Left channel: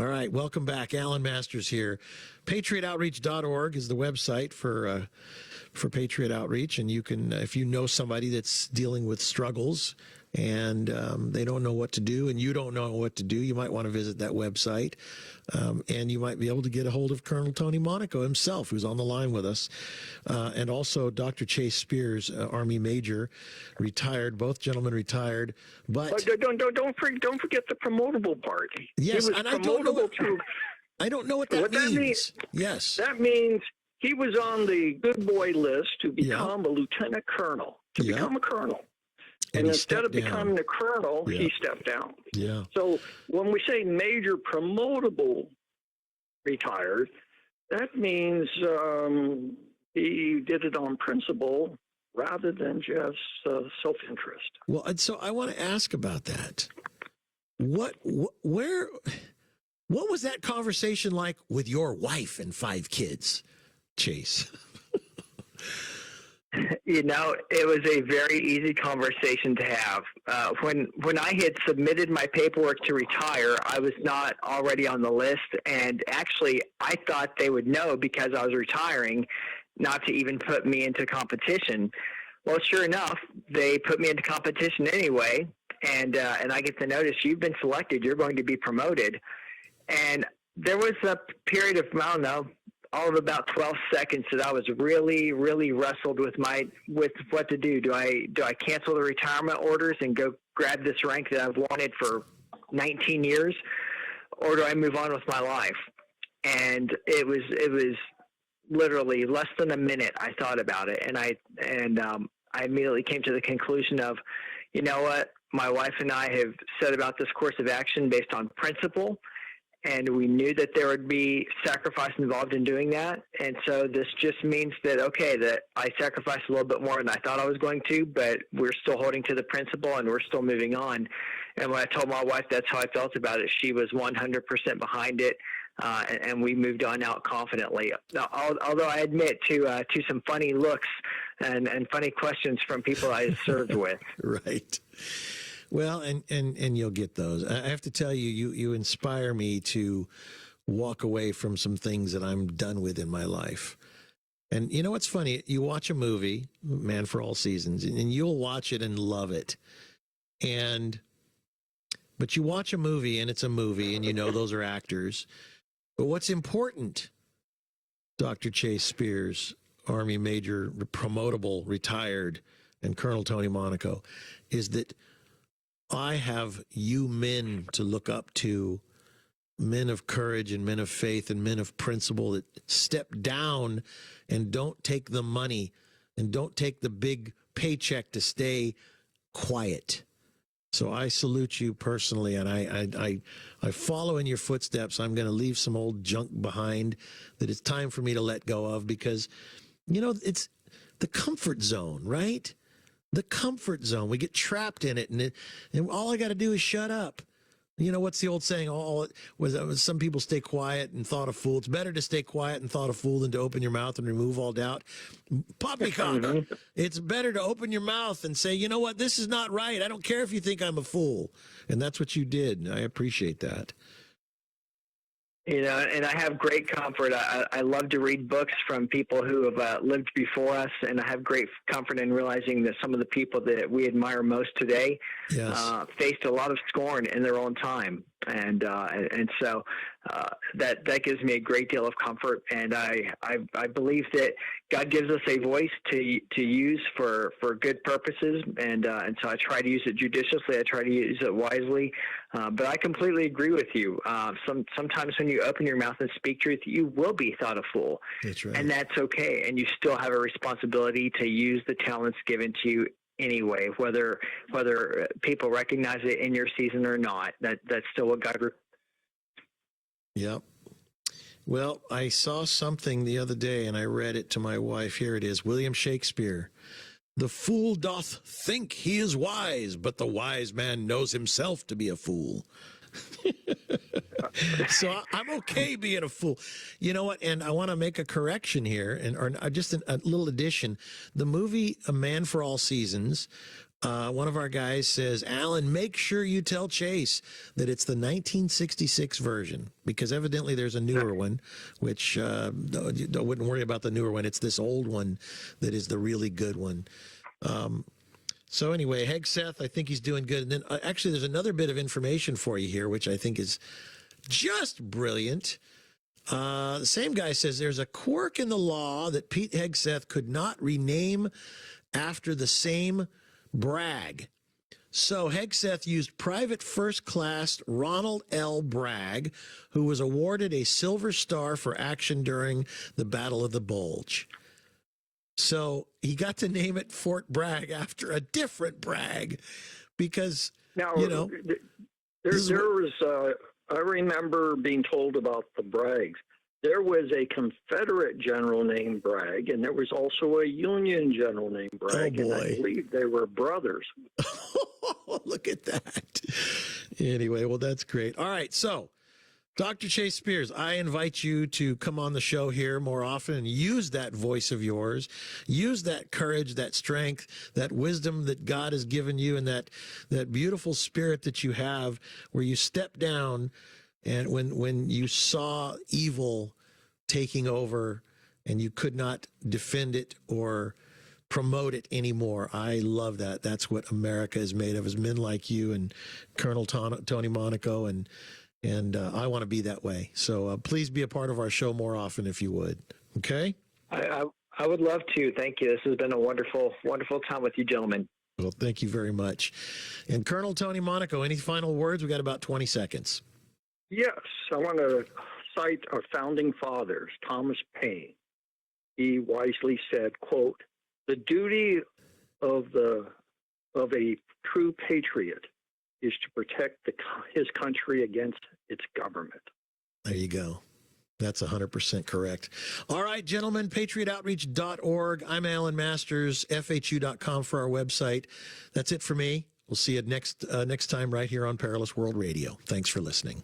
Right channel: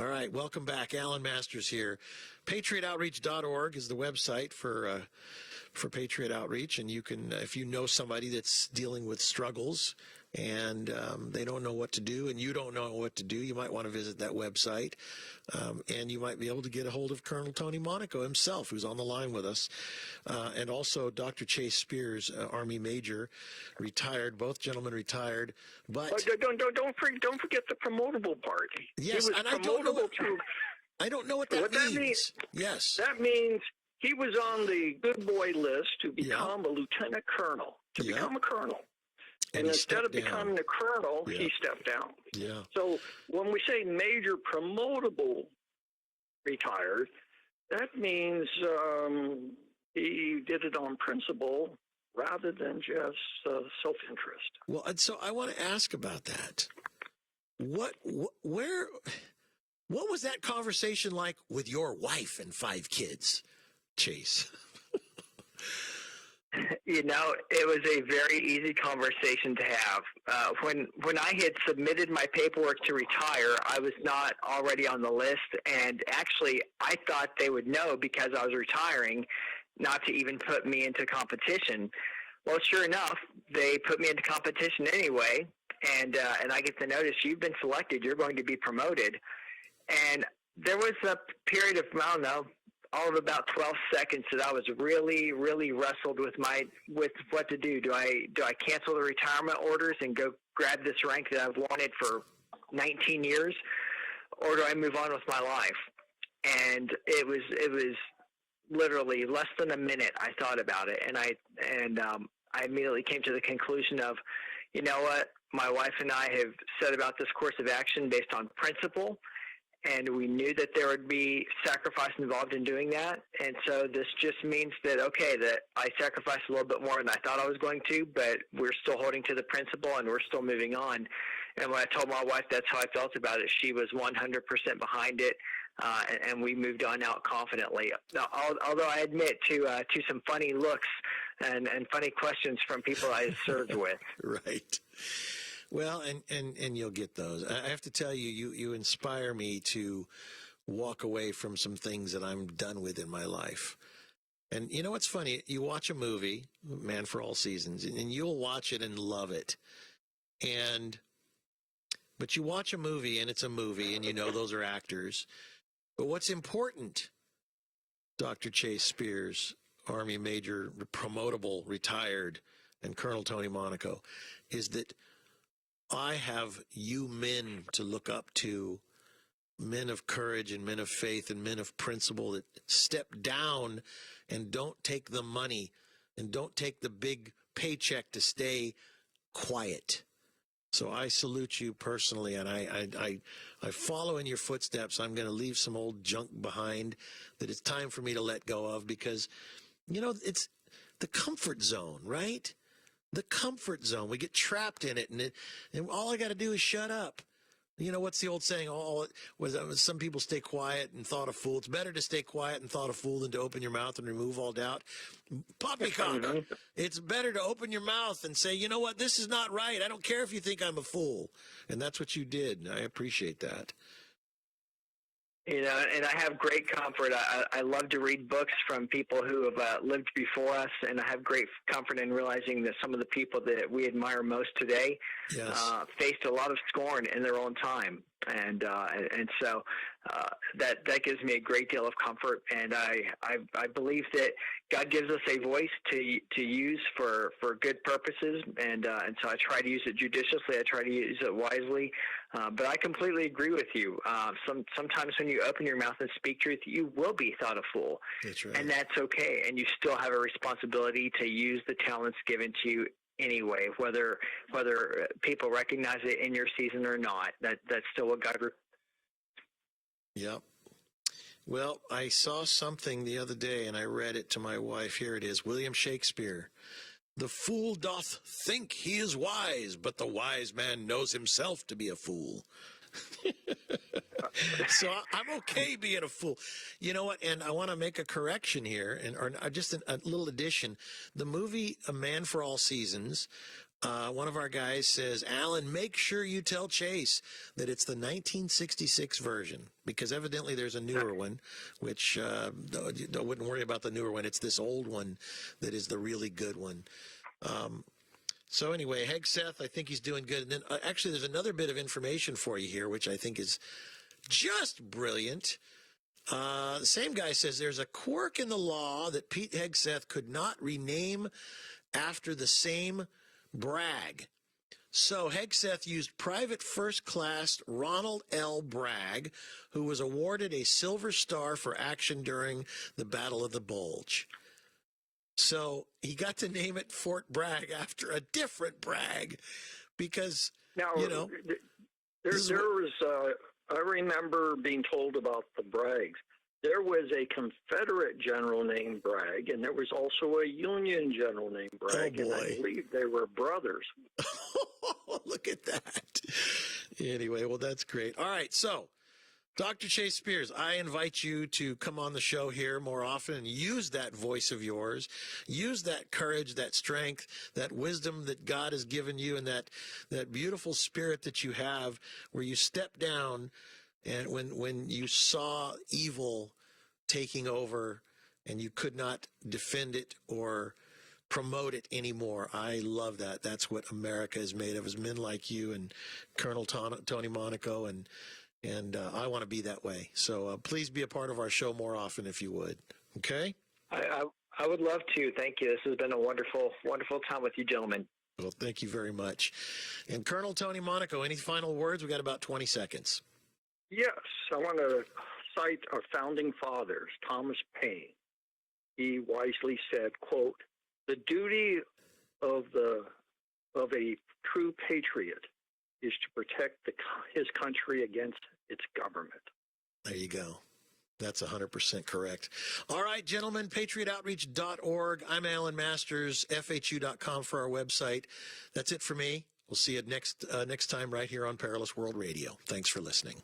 All right, welcome back. Alan Masters here. PatriotOutreach.org is the website for Patriot Outreach, and you can, if you know somebody that's dealing with struggles and they don't know what to do, and you don't know what to do, you might want to visit that website, and you might be able to get a hold of Colonel Tony Monaco himself, who's on the line with us, and also Dr. Chase Spears, Army Major, retired. Both gentlemen retired, but don't forget the promotable part. Yes, he was and I don't know what that means. Yes, that means he was on the good boy list to become a lieutenant colonel, become a colonel. And instead of becoming a colonel, he stepped down. Yeah. So when we say major promotable retired, that means he did it on principle rather than just self-interest. Well, and so I want to ask about that. What was that conversation like with your wife and 5 kids, Chase? It was a very easy conversation to have. When I had submitted my paperwork to retire, I was not already on the list, and actually I thought they would know because I was retiring not to even put me into competition. Well, sure enough, they put me into competition anyway, and I get the notice, you've been selected, you're going to be promoted. And there was a period of, I don't know, all of about 12 seconds that I was really, really wrestled with what to do. Do I cancel the retirement orders and go grab this rank that I've wanted for 19 years, or do I move on with my life? And it was literally less than a minute I thought about it, and I immediately came to the conclusion of, you know what, my wife and I have set about this course of action based on principle, and we knew that there would be sacrifice involved in doing that. And so this just means that, okay, that I sacrificed a little bit more than I thought I was going to, but we're still holding to the principle and we're still moving on. And when I told my wife that's how I felt about it, she was 100% behind it. And we moved on out confidently. Now, although I admit to some funny looks and funny questions from people I served with. Right. Well, and you'll get those. I have to tell you inspire me to walk away from some things that I'm done with in my life. And you know what's funny? You watch a movie, Man for All Seasons, and you'll watch it and love it. But you watch a movie and it's a movie, and you know those are actors. But what's important, Dr. Chase Spears, Army Major, promotable, retired, and Colonel Tony Monaco, is that I have you men to look up to, men of courage and men of faith and men of principle that step down and don't take the money and don't take the big paycheck to stay quiet. So I salute you personally, and I follow in your footsteps. I'm going to leave some old junk behind that it's time for me to let go of, because, it's the comfort zone, right? The comfort zone. We get trapped in it, and all I got to do is shut up. What's the old saying? Some people stay quiet and thought a fool. It's better to stay quiet and thought a fool than to open your mouth and remove all doubt. Poppycock. Mm-hmm. It's better to open your mouth and say, you know what, this is not right. I don't care if you think I'm a fool. And that's what you did. I appreciate that. And I have great comfort. I love to read books from people who have lived before us, and I have great comfort in realizing that some of the people that we admire most today faced a lot of scorn in their own time. And so that gives me a great deal of comfort, and I believe that God gives us a voice to use for good purposes, and so I try to use it judiciously. I try to use it wisely, but I completely agree with you. Sometimes when you open your mouth and speak truth, you will be thought a fool. That's right, and that's okay. And you still have a responsibility to use the talents given to you anyway, whether people recognize it in your season or not. That's still what God. Yep. Well, I saw something the other day and I read it to my wife. Here it is. William Shakespeare. The fool doth think he is wise, but the wise man knows himself to be a fool. So I'm okay being a fool. You know what? And I want to make a correction here, or just a little addition. The movie A Man for All Seasons One of our guys says, Alan, make sure you tell Chase that it's the 1966 version, because evidently there's a newer one, which I wouldn't worry about the newer one. It's this old one that is the really good one. So anyway, Hegseth, I think he's doing good. And then actually there's another bit of information for you here, which I think is just brilliant. The same guy says there's a quirk in the law that Pete Hegseth could not rename after the same Bragg. So Hegseth used Private First Class Ronald L. Bragg, who was awarded a Silver Star for action during the Battle of the Bulge. So he got to name it Fort Bragg after a different Bragg because, Now, you know. I remember being told about the Braggs. There was a Confederate general named Bragg, and there was also a Union general named Bragg, and I believe they were brothers. Look at that. Anyway, well, that's great. All right, so Dr. Chase Spears, I invite you to come on the show here more often and use that voice of yours, use that courage, that strength, that wisdom that God has given you, and that beautiful spirit that you have where you step down and when you saw evil taking over and you could not defend it or promote it anymore. I love that. That's what America is made of, is men like you and Colonel Tony Monaco, and I want to be that way. So please be a part of our show more often if you would. Okay? I would love to. Thank you. This has been a wonderful, wonderful time with you gentlemen. Well, thank you very much. And Colonel Tony Monaco, any final words? We've got about 20 seconds. Yes, I want to cite our founding fathers, Thomas Paine. He wisely said, quote, "The duty of a true patriot is to protect his country against its government." There you go. That's 100% correct. All right, gentlemen, patriotoutreach.org. I'm Alan Masters, FHU.com for our website. That's it for me. We'll see you next time right here on Perilous World Radio. Thanks for listening.